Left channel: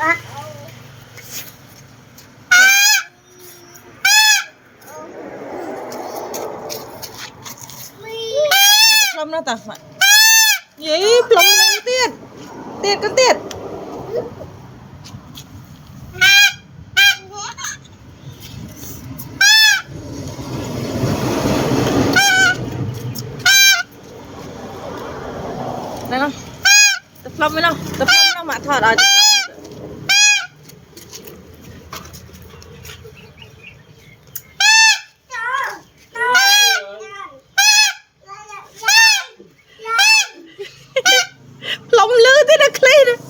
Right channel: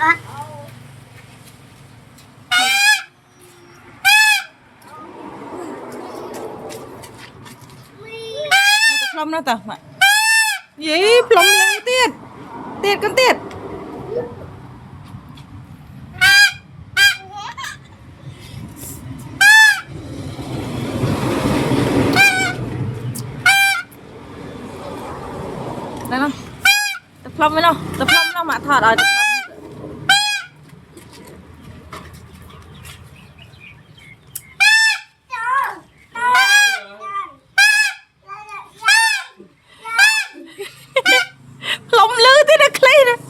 á. Plum nó tao gì plum lên tiệt tiệt con tiệt đây nó tập plum với nó tập plum nó mà thọt rồi plum lư thế được lên